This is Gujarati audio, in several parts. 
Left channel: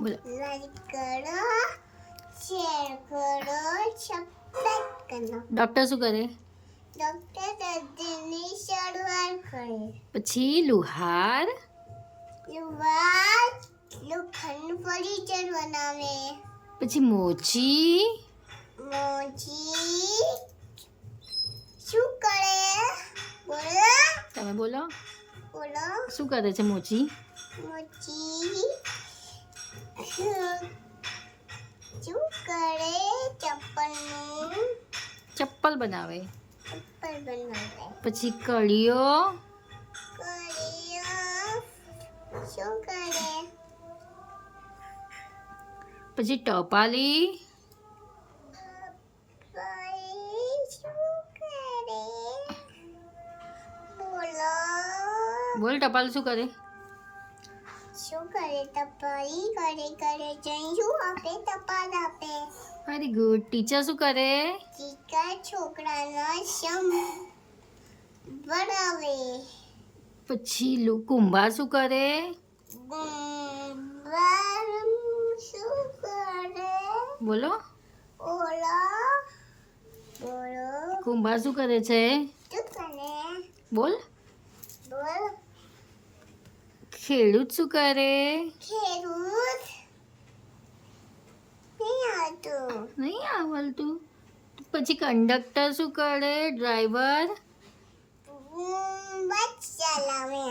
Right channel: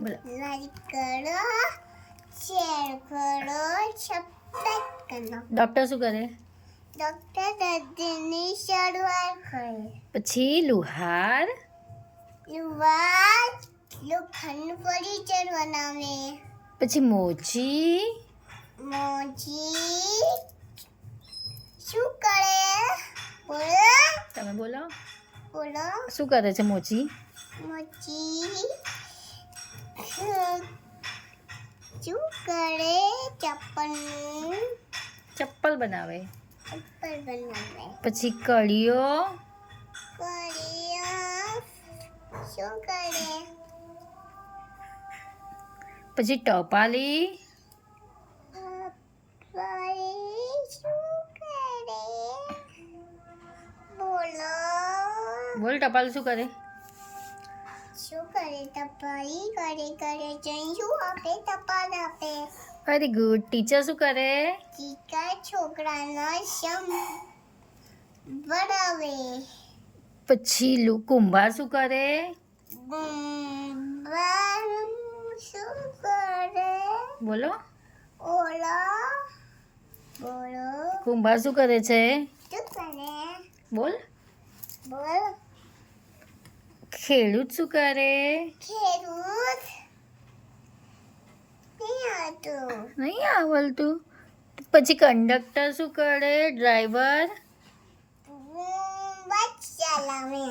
બોલો. લાઈક કરો, શેર કરો, સબસ્ક્રાઇબ કરો. ડૉક્ટર શું કરે? ડોક્ટર દર્દીની સારવાર કરે. પછી લુહાર યુવા લોખંડ ફર્નિચર બનાવે. પછી મોચી મોજી શું કરે? બોલો તમે બોલો બોલો. શું કરે છે મોચી? મોજી શું કરે? ચપ્પલ બનાવે. ચપ્પલ બનાવે. પછી કળીઓ શું કરે? પછી ટપાલી શું કરે? બોલો બોલ ટપાલ શું કરે? શું કરે? ટપાલી કરે જઈ શું આપે? ટપાલ આપે. Very good. ટીચર શું કરે? ટીચર છોકરાના સમ બનાવે. પછી કુંભાર શું કરે? ગુંબાર શું કરે? બોલો ઓલા બોલો કુંભાર શું કરે છે? શું કરે? બોલ. બોલ. ખેડૂત શું કરે? ખેડૂત નહીં આવતું. નહીં આવડતું. પછી કંડક્ટર શું કરે? ડ્રાઈવર. બસ ચલાવે.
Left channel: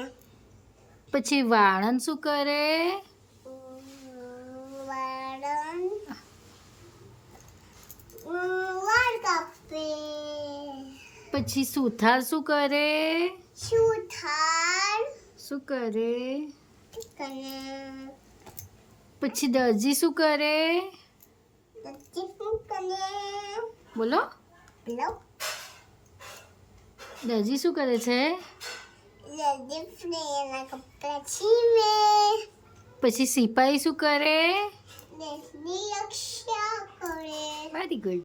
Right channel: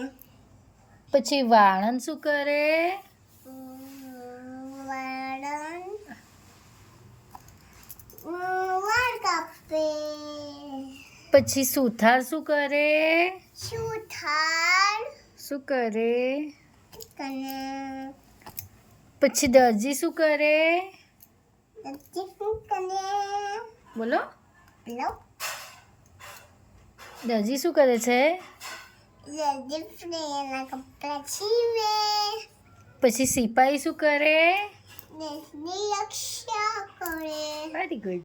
પછી વાળંદ શું કરે? વાળન વાળ કાપે. પછી સુથાર શું કરે? સુથાર શું કરે? કને પછી દરજી શું કરે? શું કને બોલો લો દરજી શું કરે છે? જલ્દી ફ્રેના કપડા સીવે. પછી સિપાહી શું કરે? દેશની રક્ષા કરે. Very good.